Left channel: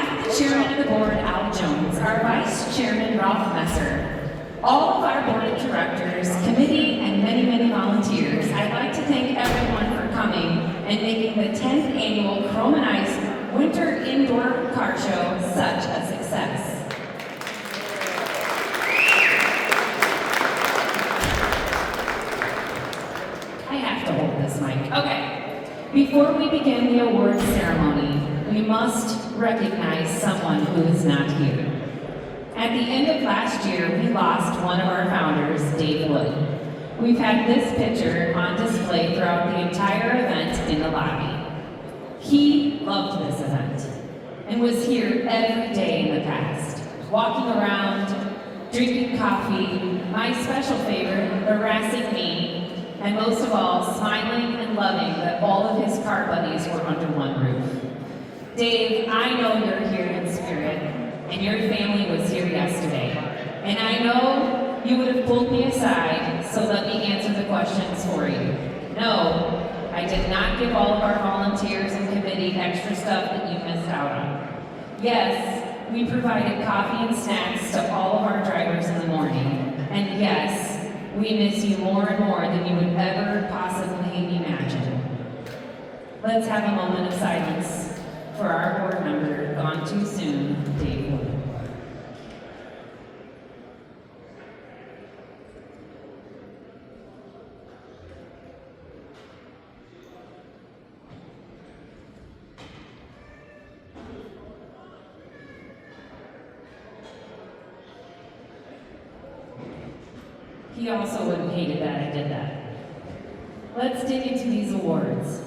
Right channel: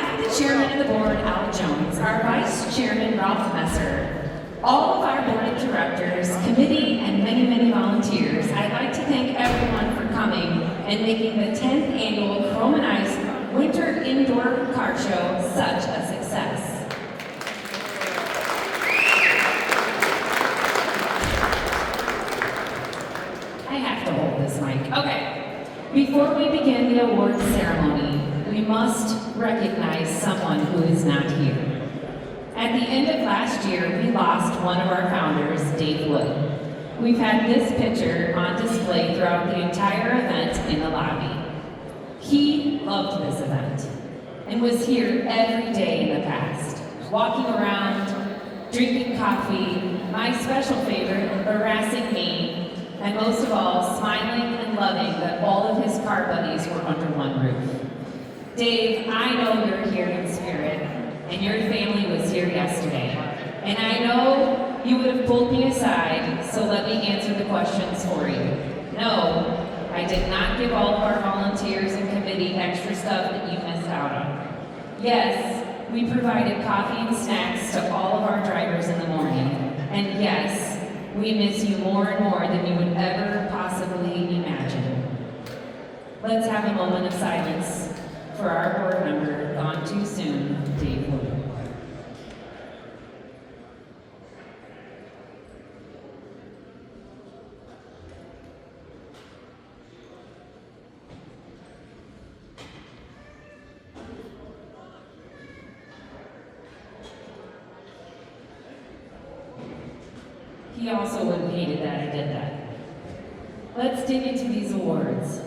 behalf of the chairman of the board, Al Jones, our vice chairman, Ralph Messer, all of our board of directors, committee, and many, many volunteers, I'd like to thank everyone for coming and making the 10th annual Chrome and Ice Winter Indoor Car Show such a success. I have to hold this mic. Okay. Before we begin the awards ceremony, we must recognize someone who is not here. At the end of last year, we lost one of our founders, Dave Wood. We've had this picture on display throughout the entire event in the lobby. He loved this event and was here every day in the past, walking around, drinking coffee, my special favorite, harassing me, and most of all, smiling and loving that all of his car buddies were under one roof. Dave, I know you're here in spirit, and your family was here yesterday. And I know you would have pulled me aside, so let me answer the questions for you. No, I did not give all of our volunteers and committee extra stuff that you missed out on. Yes, we provided coffee and snacks to all of our drivers in the morning. And yes, we miss you more and more than you would ever possibly imagine. Let's have a moment of silence for our board member, gone too soon, Dave Wood. He also would have hated that I did that. Let's dig into these awards.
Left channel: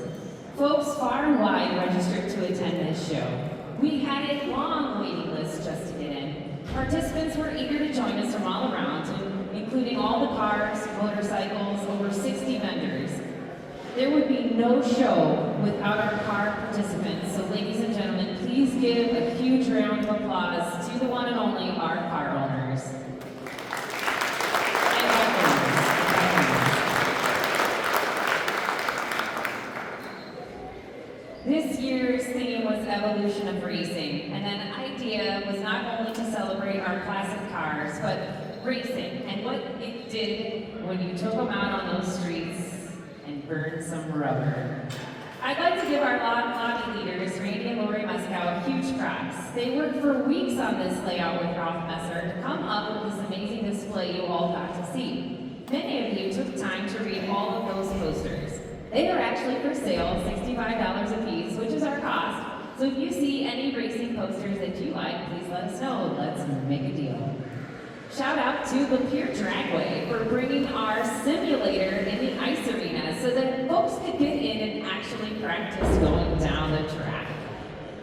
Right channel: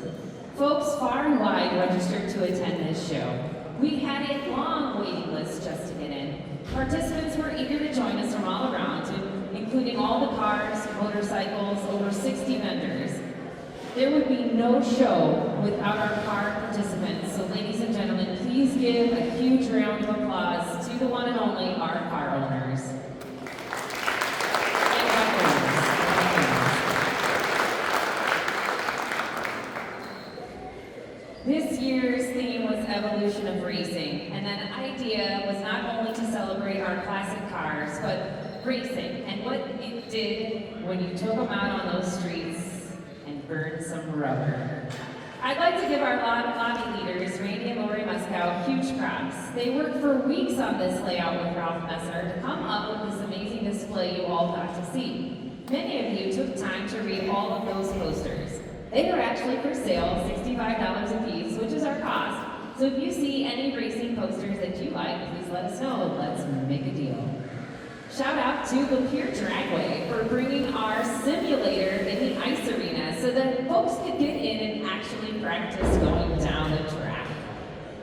Folks far and wide registered to attend this show. We had a long waiting list just to get in. Participants were eager to join us from all around, including all the cars, motorcycles, over 60 vendors. There would be no show without our car participants, so ladies and gentlemen, please give a huge round of applause to the one and only our car owners. This year's theme was evolution of racing, and an idea was not only to celebrate our classic cars, but racing, and what it did when you took them out on those streets and burned some rubber. I'd like to give our lobby leaders, Randy and Lori Muskow, huge props. They worked for weeks on this layout with Ralph Messer to come up with this amazing display you all got to see. Many of you took time to read all of those posters. They are actually for sale, $65 a piece, which is our cost. So if you see any racing posters that you like, please let us know. Let's make a deal. Shout out to the Pier Dragway for bringing our simulator in the ice arena so that folks could get in and actually practice going down the track.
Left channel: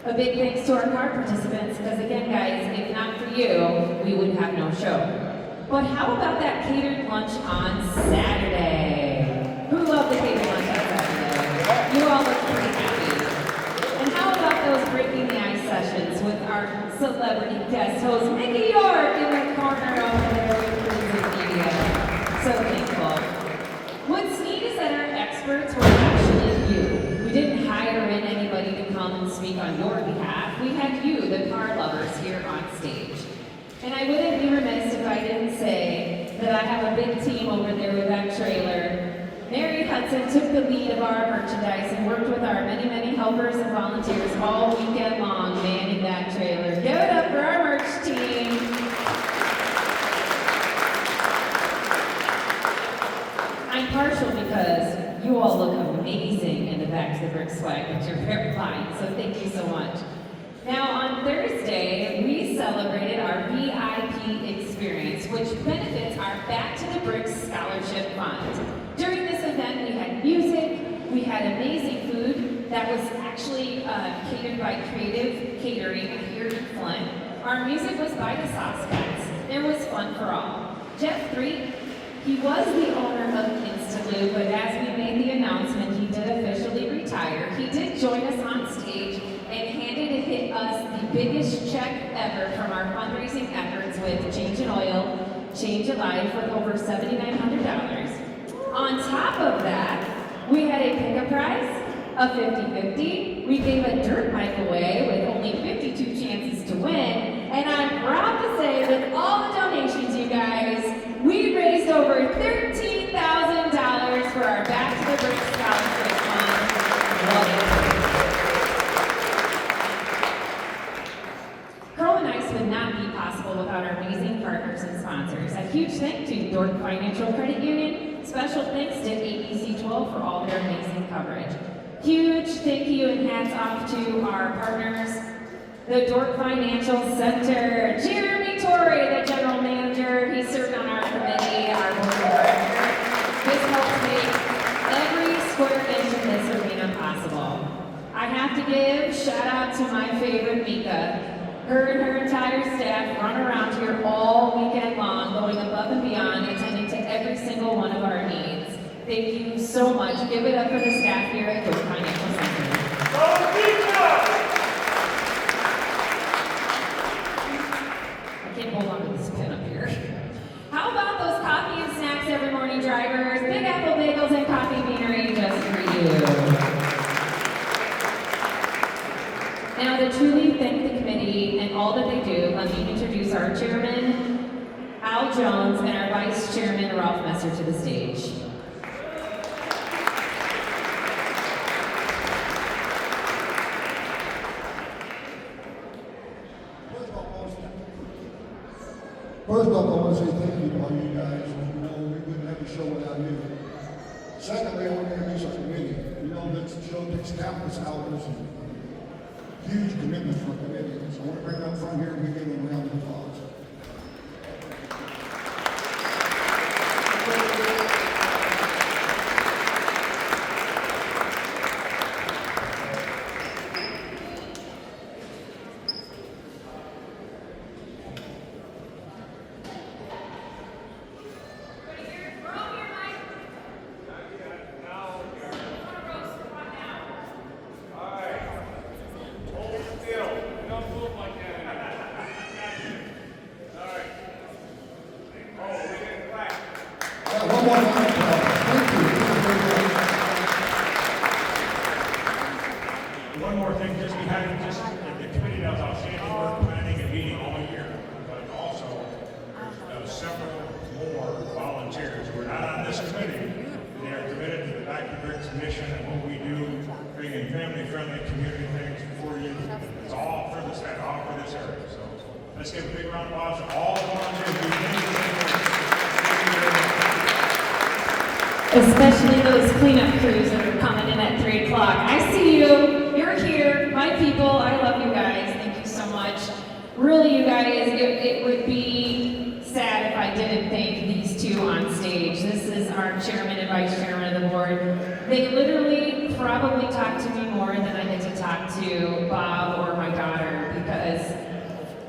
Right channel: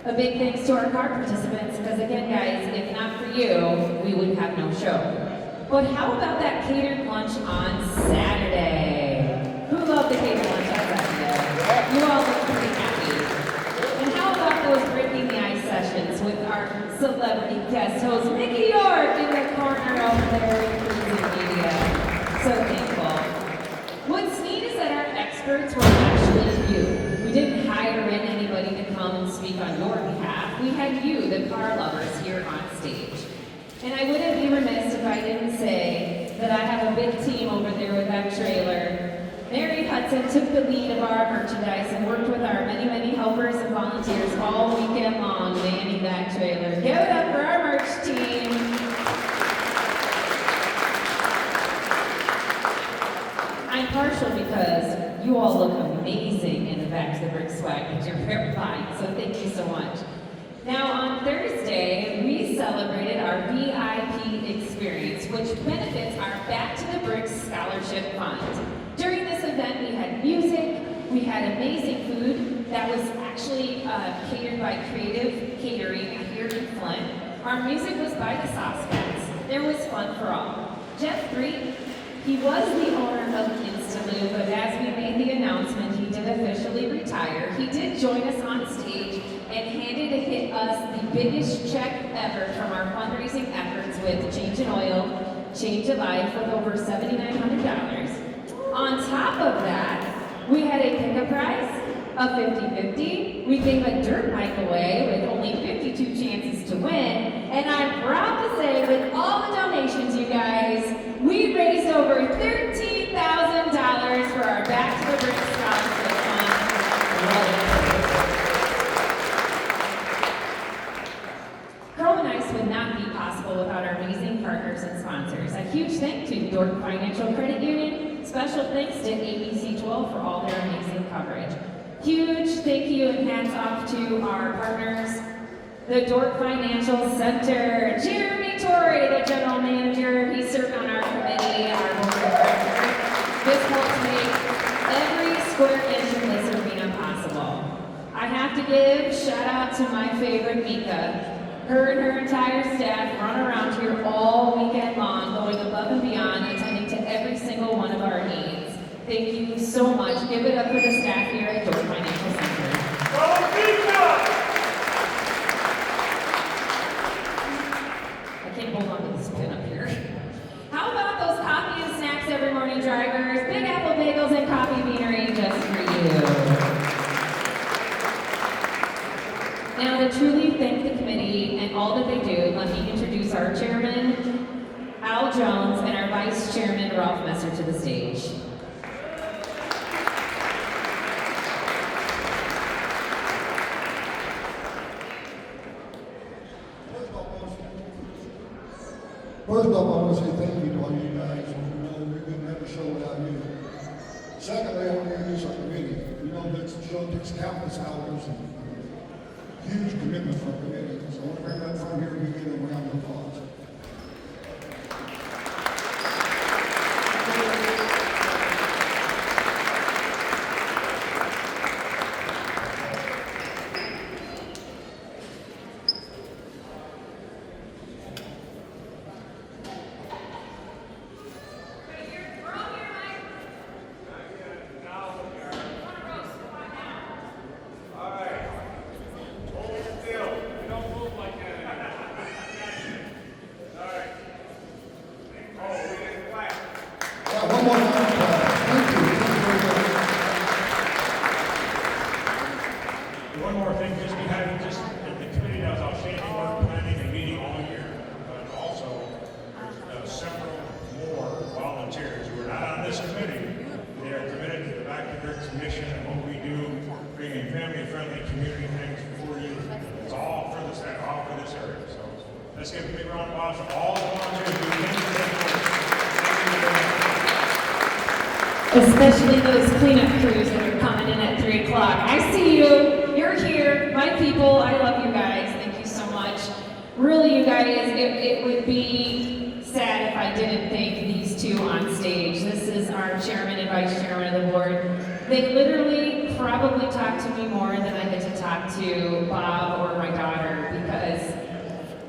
A big thanks to our car participants, because again, guys, if not for you, we would have no show. But how about that catered lunch on Saturday? Who loved the catered lunch on Saturday? You all look pretty happy. And how about those Breaking the Ice sessions with our celebrity guest host, Mickey York, in the corner over there with the media. So thankful. What's neat is that our experts were actually you. We didn't hire in anybody to come and speak on your behalf. We had you, the car lovers, here on stage. And I wouldn't be remiss if I didn't say that I have a big team over there with that trailer. Mary Hudson took the lead of our merchandise and worked with our many, many helpers and volunteers all weekend long manning that trailer. Give it up for our merch team. I'm partial because you all look amazing in the back of the brick swag with your very fine, so thank you so much. Now on Thursday, we celebrated our VIP experience, which benefits our Back to the Bricks Scholarship Fund. During this event, we had music, we had amazing food that was actually catered by Creative Catering here in Flint. Our music was by the Sauce Cats. There was fun for all. Jeff Three, he was the owner of Instaloo, but as we made the announcement, he did officially retire. He did join us on stage and handed us the biggest check ever from our fundraising efforts with Change in Oil, Change a Life with over $7,900. On top of that, we had a pickup prize, a 50-50. We gave a dirt bike away with only 52 chances possible without our amazing partners and sponsors. A huge thank to Dort Financial Credit Union. Special thanks to ABC12 for all their amazing coverage. Huge thank you and hats off to our partners, the Dort Financial Center. Jeremy Torrey, the general manager, he served on our committee, our board of directors. This helps make every square inch in this arena possible. I have to give shout out to my favorite Mika. Her and her entire staff run around here all weekend long, going above and beyond, attending to every single one of our needs. Thank you so much. Give it up for the staff here at Dort Financial Center. Go Mika! I can't hold on to this pin up here. How about those coffee and snacks every morning, drivers? Big Apple Bagels and Coffee Beanery just for you. Now, to truly thank the committee and all that they do, let me introduce our chairman, Al Jones, and our vice chairman, Ralph Messer, to the stage. First off, I want to say thank you to all you guys. We know we couldn't have the show without you. Secondly, I want to introduce our committee. You know, this show takes countless hours and huge commitment from our committee. So I want to bring up front here and give them a round of applause. One more thing, just we had the committee does outstanding work planning and meeting all year, but also there's several more volunteers who are not on this committee. They are committed to the Back to Bricks mission and what we do, bringing family-friendly community things for you. It's all for the staff, all for this area. So let's give a big round of applause to all the volunteers who came to Especially those cleanup crews that are coming in at 3 o'clock. I see you. You're here. My people. I love you guys. Thank you so much. Really, you guys, it would be sad if I didn't thank these two on stage. This is our chairman and vice chairman of the board. They literally probably talk to me more than I get to talk to Bob or my daughter, because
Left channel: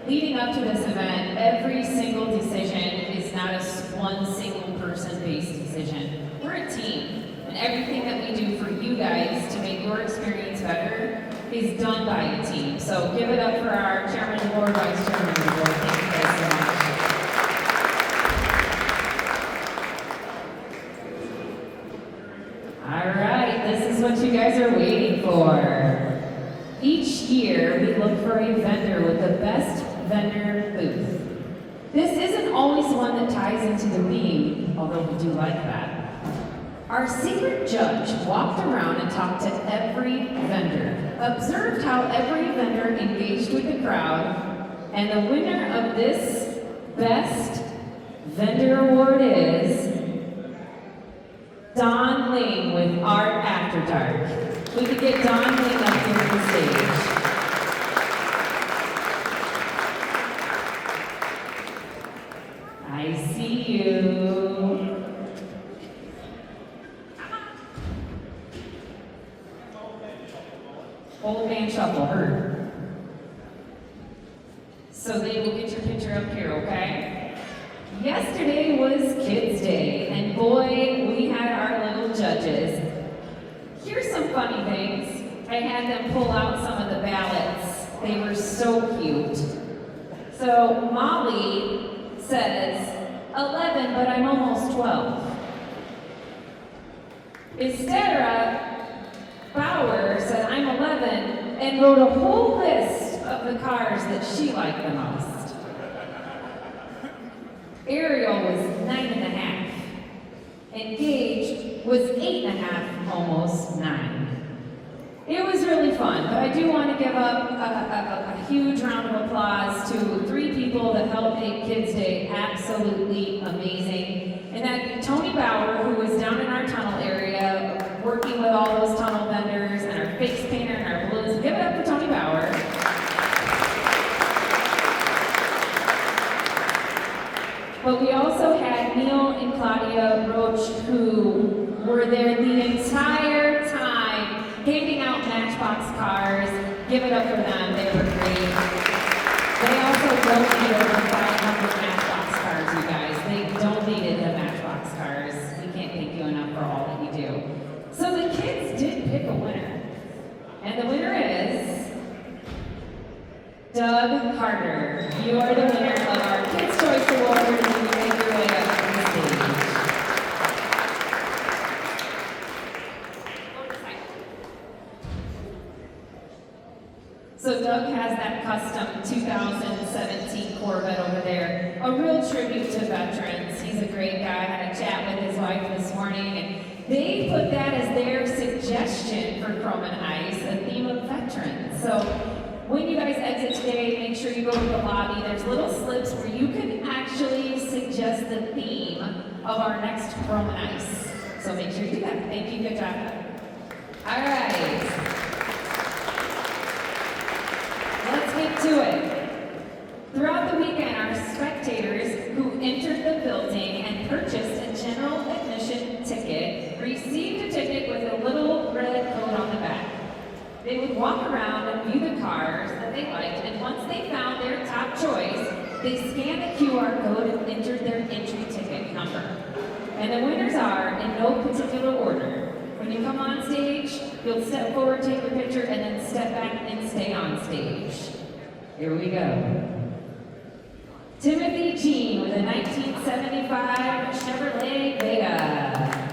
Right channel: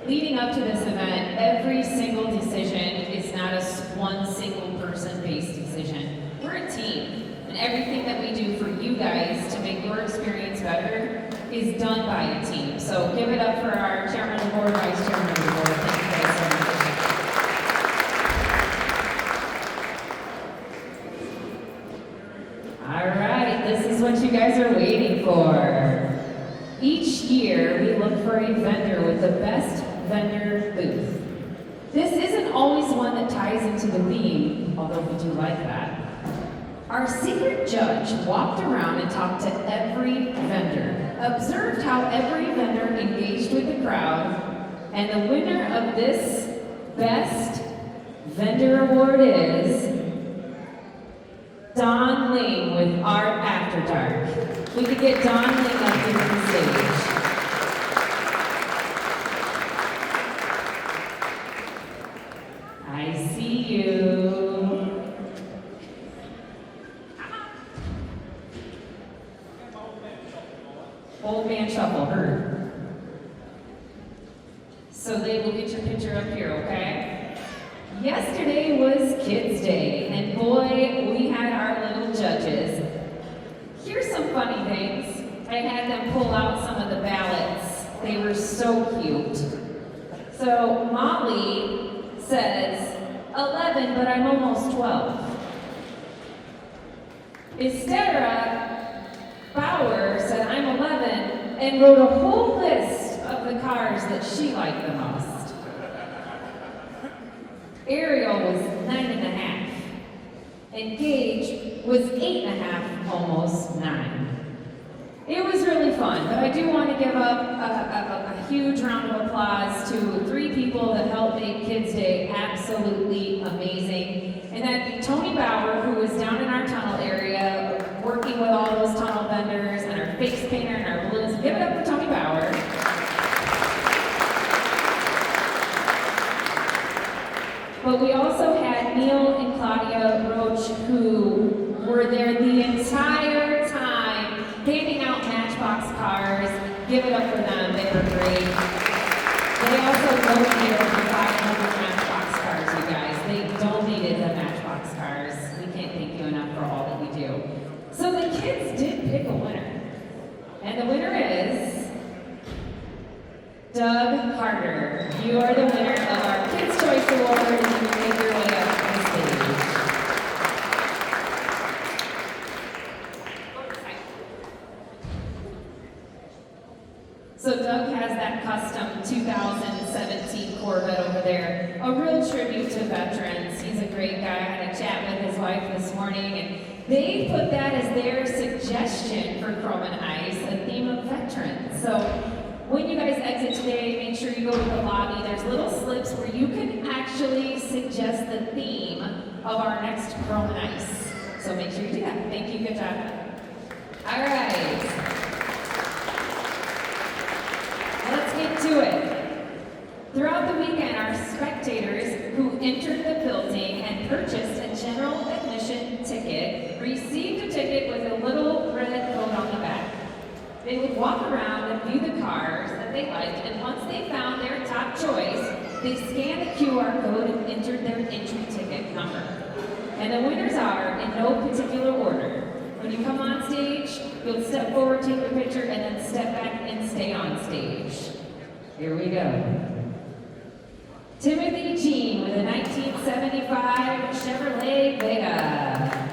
leading up to this event, every single decision is not a one single person-based decision. We're a team, and everything that we do for you guys to make your experience better is done by a team. So give it up for our chairman of the board, vice chairman of the board. Thank you guys so much. All right, this is what you guys are waiting for. Each year, we look for a vendor with the best vendor booth. This isn't always one that ties into the theme, although we do like that. Our secret judge walked around and talked to every vendor, observed how every vendor engaged with the crowd, and the winner of this Best Vendor Award is Don Ling with Art After Dark. We could get Don Ling up here on the stage. I see you. Old man shuffle, heard. So they will get your picture up here, okay? Yesterday was Kids Day, and boy, we had our little judges. Here's some funny things. I had them pull out some of the ballots. They were so cute. So Molly says, 11, but I'm almost 12. Estera Bauer said, I'm 11, and wrote a whole list of the cars that she liked the most. Ariel was 9.5, and Gage was 8.5, almost 9. It was really fun, but I do want to give up a huge round of applause to 3 people that helped make Kids Day absolutely amazing. And that'd be Tony Bauer, who was down in our tunnel area, working with all those tunnel vendors, and our face painter and our balloons. Give it up for Tony Bauer. But we also had Neil and Claudia Roach, who were there the entire time, giving out Matchbox cars. Give it up for them, they were great. They also donated over 500 Matchbox cars, you guys. They donated the Matchbox cars. We can't thank you enough for all that you do. So the kids did pick a winner. And the winner is Doug Carter. You are the winner of our Kids' Choice Award. You can make your way up to the stage. So Doug has that custom 2017 Corvette over there. A real tribute to veterans. He's a great guy. I had a chat with his wife this morning, and they put that as their suggestion for Chrome and Ice, a theme of veterans. So when you guys exit today, make sure you go to the lobby. There's little slips where you can actually suggest the theme of our next Chrome and Ice. So make sure you do that. Thank you. Good job. All right. Let's get to it. Throughout the weekend, our spectators who entered the building and purchased a general admission ticket received a ticket with a little red coat on the back. They would walk around and view the cars that they liked, and once they found their top choice, they scanned the QR code and entered their entry ticket number. And the winners are in no particular order. When you come on stage, you'll step forward, take your picture, and then step back and stay on stage. Here we go. Timothy Jean with a 1975 Chevrolet Vega.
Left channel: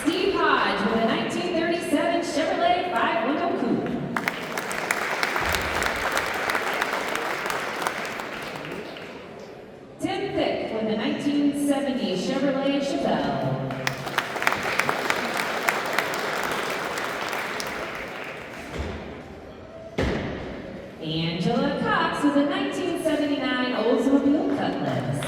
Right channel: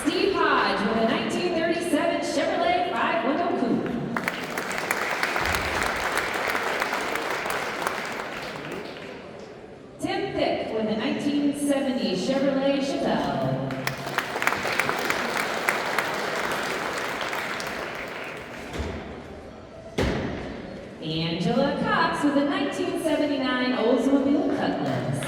Steve Hodge with a 1937 Chevrolet 5-window coupe. Tim Thick with a 1970 Chevrolet Chevelle. Angela Cox with a 1979 Oldsmobile Cutlass.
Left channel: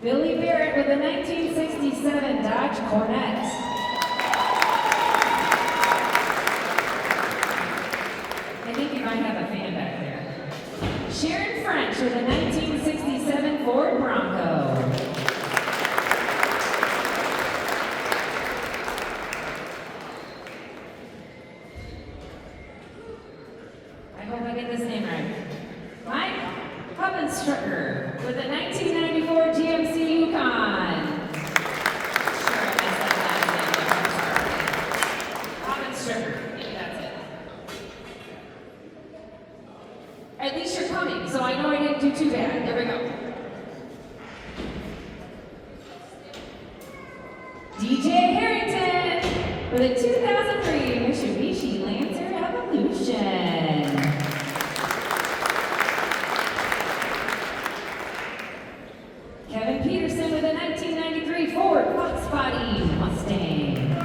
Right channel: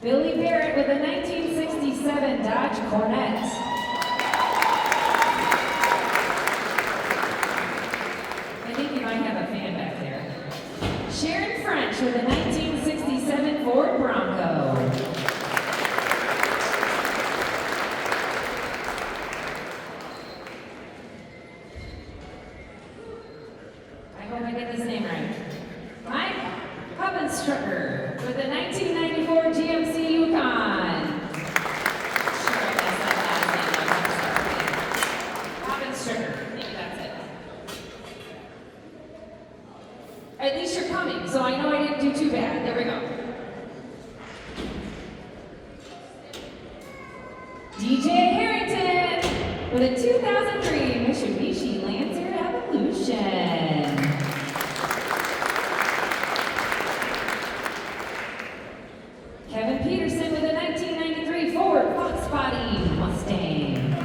Billy Barrett with a 1967 Dodge Corvette. I think you might have a fan back there. Sharon French with a 1967 Ford Bronco. I hope I get this name right. Mike Hubbenstrucker with a 1994 GMC Yukon. Sure, I messed that last name up. I'm sorry. Hubbenstrucker. Maybe that's it. At least you're coming, so I know I didn't do too bad. There we go. DJ Harrington with a 2003 Mitsubishi Lancer Evolution. Kevin Peterson with a 1993 Ford Fox Body Mustang.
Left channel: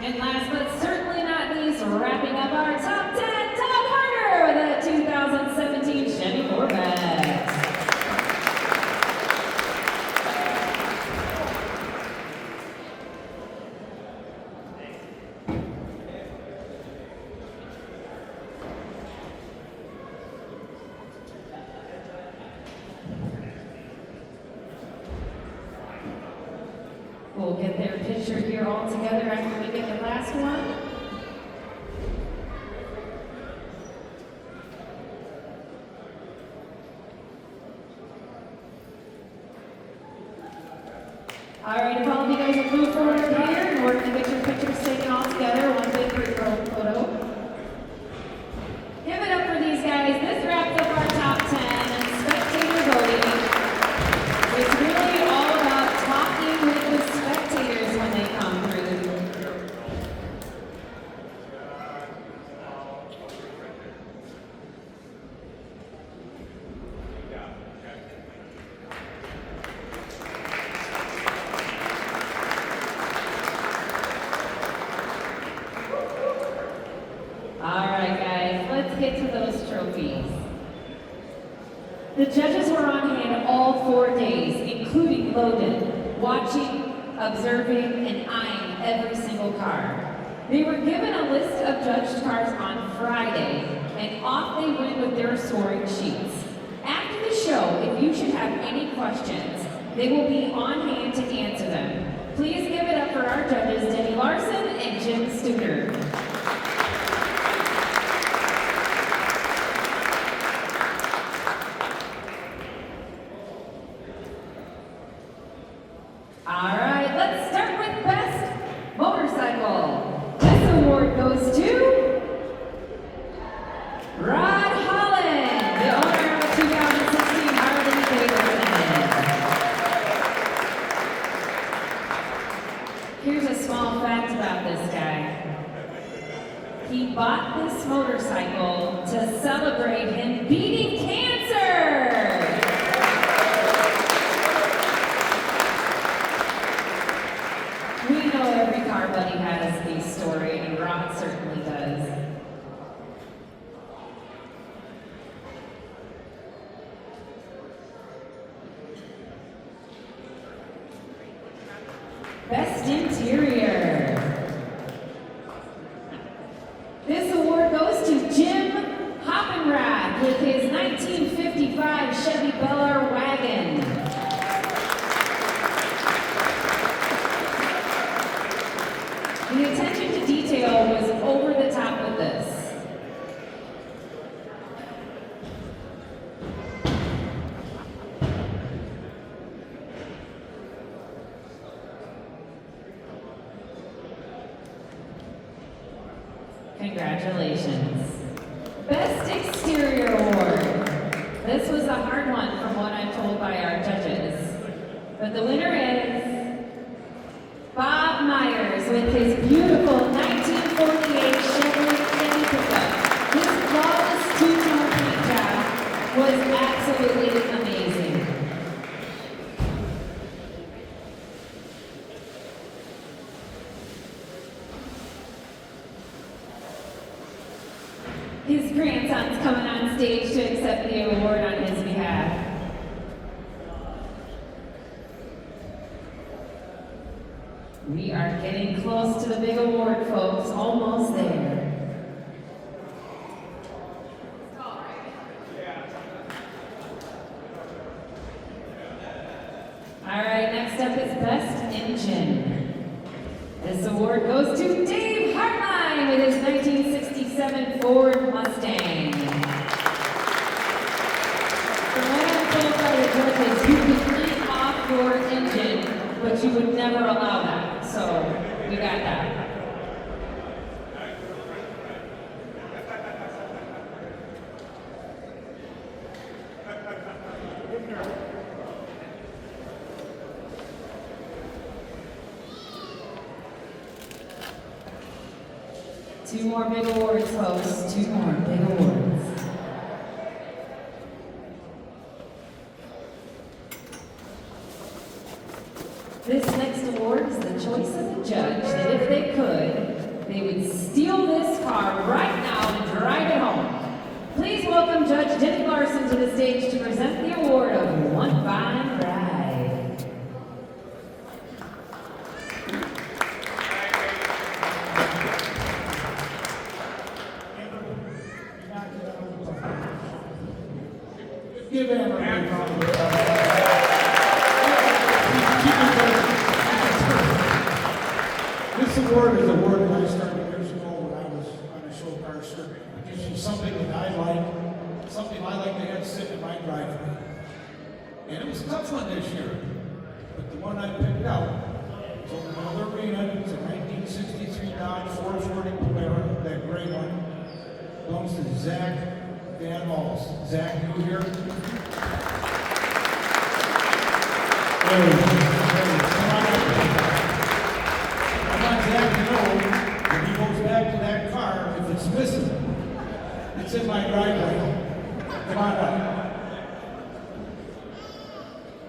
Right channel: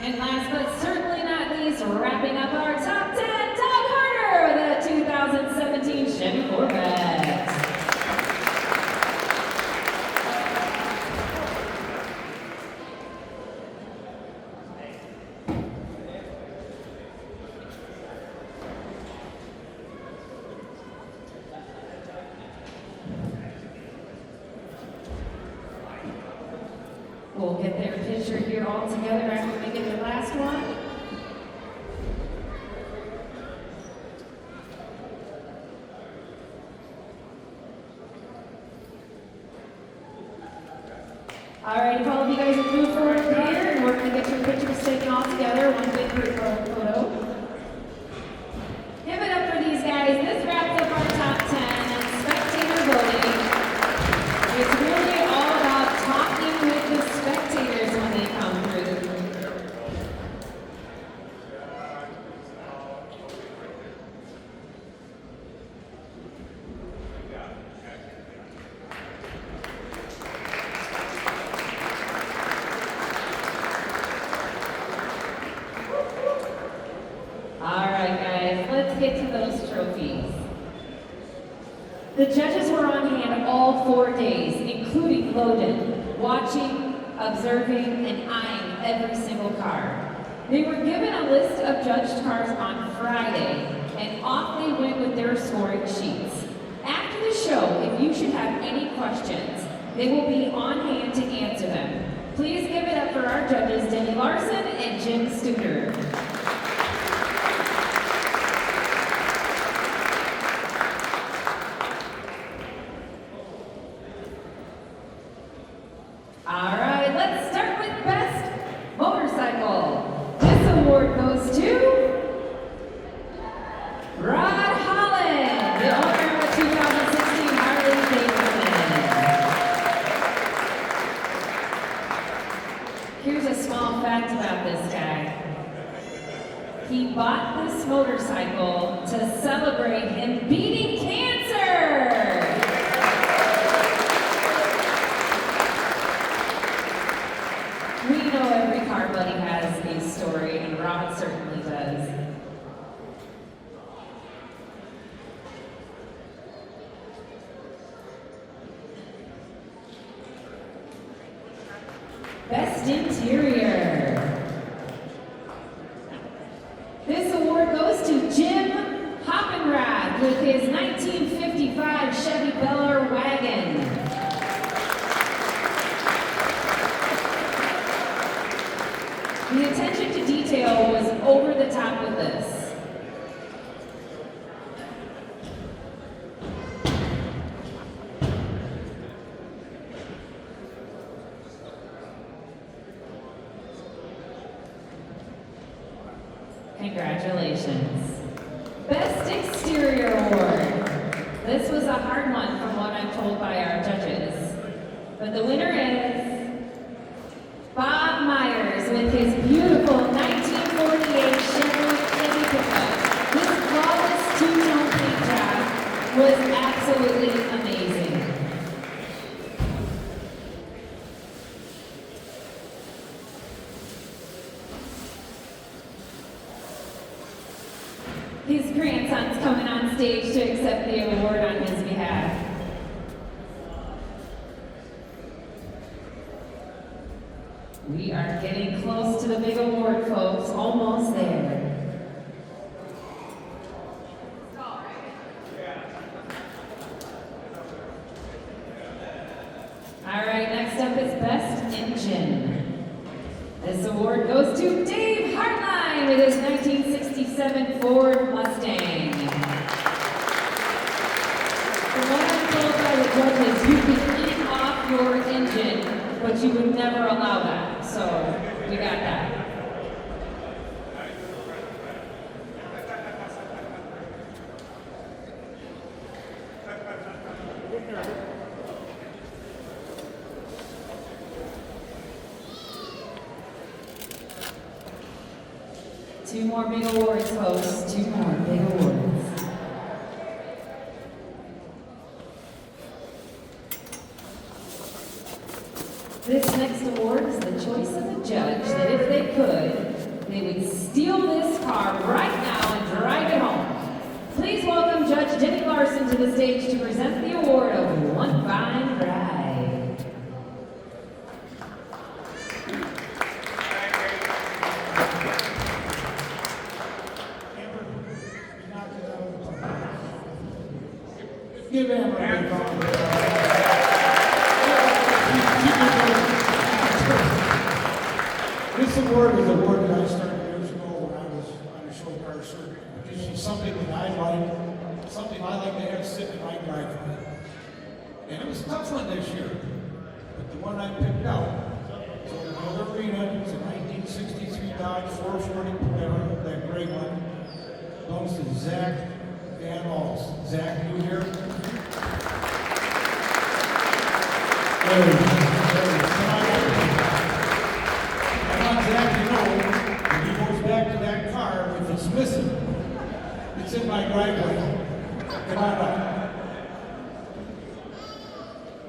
And last but certainly not least, wrapping up our top 10, Tom Harder with a 2017 Chevy Corvette. We'll get their picture here all together after we get the last one. All right, if all of you guys will move forward here and work to get your pictures taken all together, one big group photo. Give it up for these guys. This wraps up our top 10 and spectator voting. It's really all about talking with the spectators when they come through. get to those trophies. The judges were on hand all 4 days, including Logan, watching, observing, and eyeing every single car. They were given a list of judged cars on Friday, and off they went with their scoring sheets. After the show, if you should have any questions, they will be on hand to answer them. Please give it up for our judges, Denny Larson and Jim Studer. All right, let's start with Best Motorcycle. This award goes to Rod Holland, the owner of a 2016 Harley Davidson. Here's a small fact about this guy. He bought this motorcycle to celebrate him beating cancer. We know every car buddy has a story, and Rod certainly does. Best Interior. This award goes to Jim Hoppenrad with his 1955 Chevy Bel Air wagon. The attention to detail was over the top with this. Congratulations. Best Exterior Award. This was a hard one from what I'm told by our judges. But the winner is Bob Myers with his beautiful 1948 Chevrolet Chevy pickup. This flawless two-tone paint job was absolutely amazing. His grandson's coming on stage to accept the award on his behalf. We are getting close to the big award, folks. Almost there. All right, next up is Best Engine. This award goes to Dave Hartline with his 1967 Ford Mustang. From what I'm told by the judges, you can clean off your engine, but you would never allow that. So we got that. Two more big awards, folks. Two more big awards. This next award is the choice of the judge that if they could, they would steal this car right now and drive it home. Please welcome Judge Denny Larson to the stage to present the award of One Fine Ride. Give Amber a big round of applause. This award is a award that I started years ago when I was on the show car circuit. It's something that I like, something I like to have sit in my driveway. And it was a tough one this year, but the one I picked out was over another arena. It was a 1963 Dodge 440 Polara, that gray one. Belongs to Zach Van Halls. Zach, you here? There he is. Come on up. I want Zach to know when he goes back to that car, if it's missing, it's in my driveway. Come on up.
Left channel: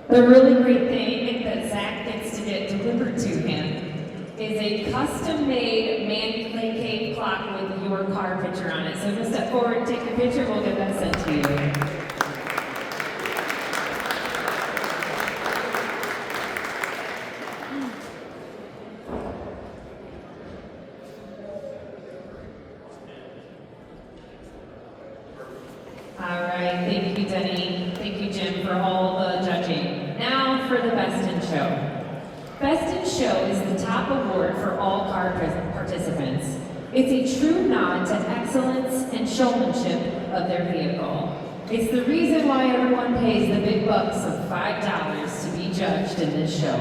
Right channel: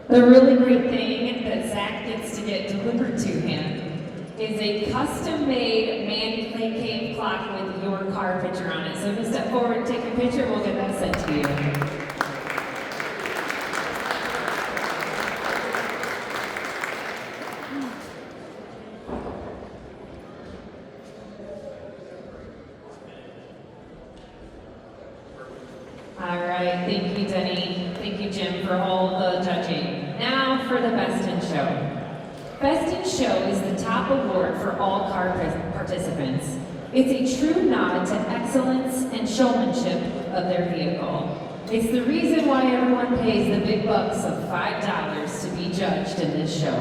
The really great thing that Zach gets to get delivered to him is a custom-made man-made cave clock with your your car picture on it. So just step forward and take your picture, we'll get that sent to you. All right, thank you, Denny. Thank you, Jim, for all the judging. Now for the Best in Show. Best in Show is the top award for all car participants. It's a true nod to excellence and showmanship of their vehicle. It's the reason why everyone pays the big bucks of $5 to be judged in this show.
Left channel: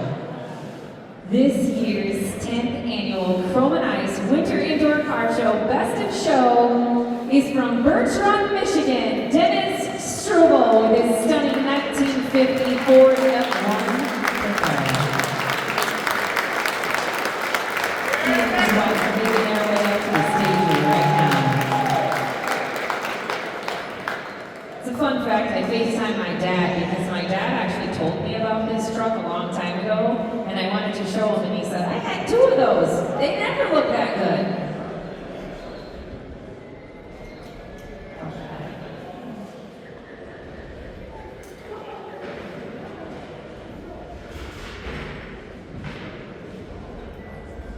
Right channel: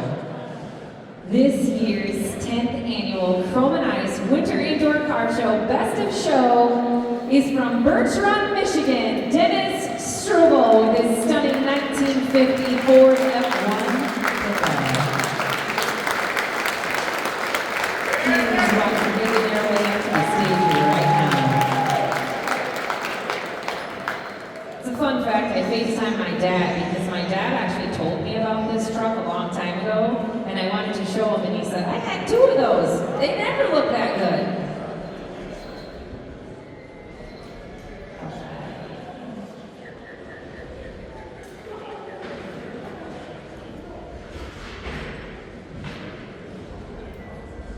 This year's 10th annual Chrome and Ice Winter Indoor Car Show Best in Show is from Birch Run, Michigan, Dennis Strobel with his stunning 1950 Ford F1 pickup. He and his wife are making their way up to the stage right now. It's a fun fact, I FaceTimed my dad because my dad actually told me about this truck a long time ago, and I wanted to show him, and he said, I had 2 of those. They never look that good.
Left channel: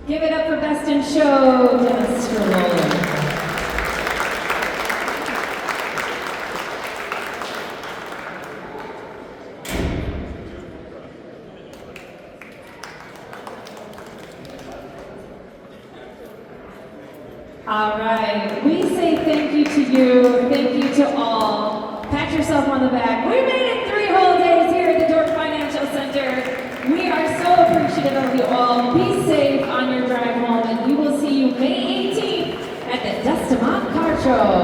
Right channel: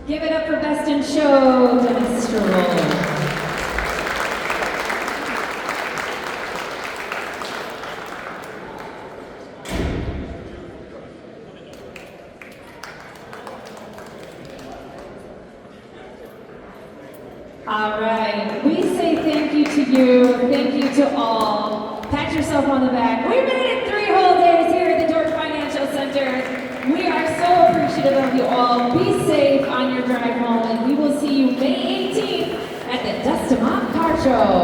Give it up for Best in Show, Dennis Strobel. All right, we say thank you to you, thank you to all. Pat yourself on the back. We made it 3 whole days here at the Dort Financial Center. We are so appreciative of you all. Be safe on your drive home, and we will see you May 18th at the Dust 'em Up Car Show.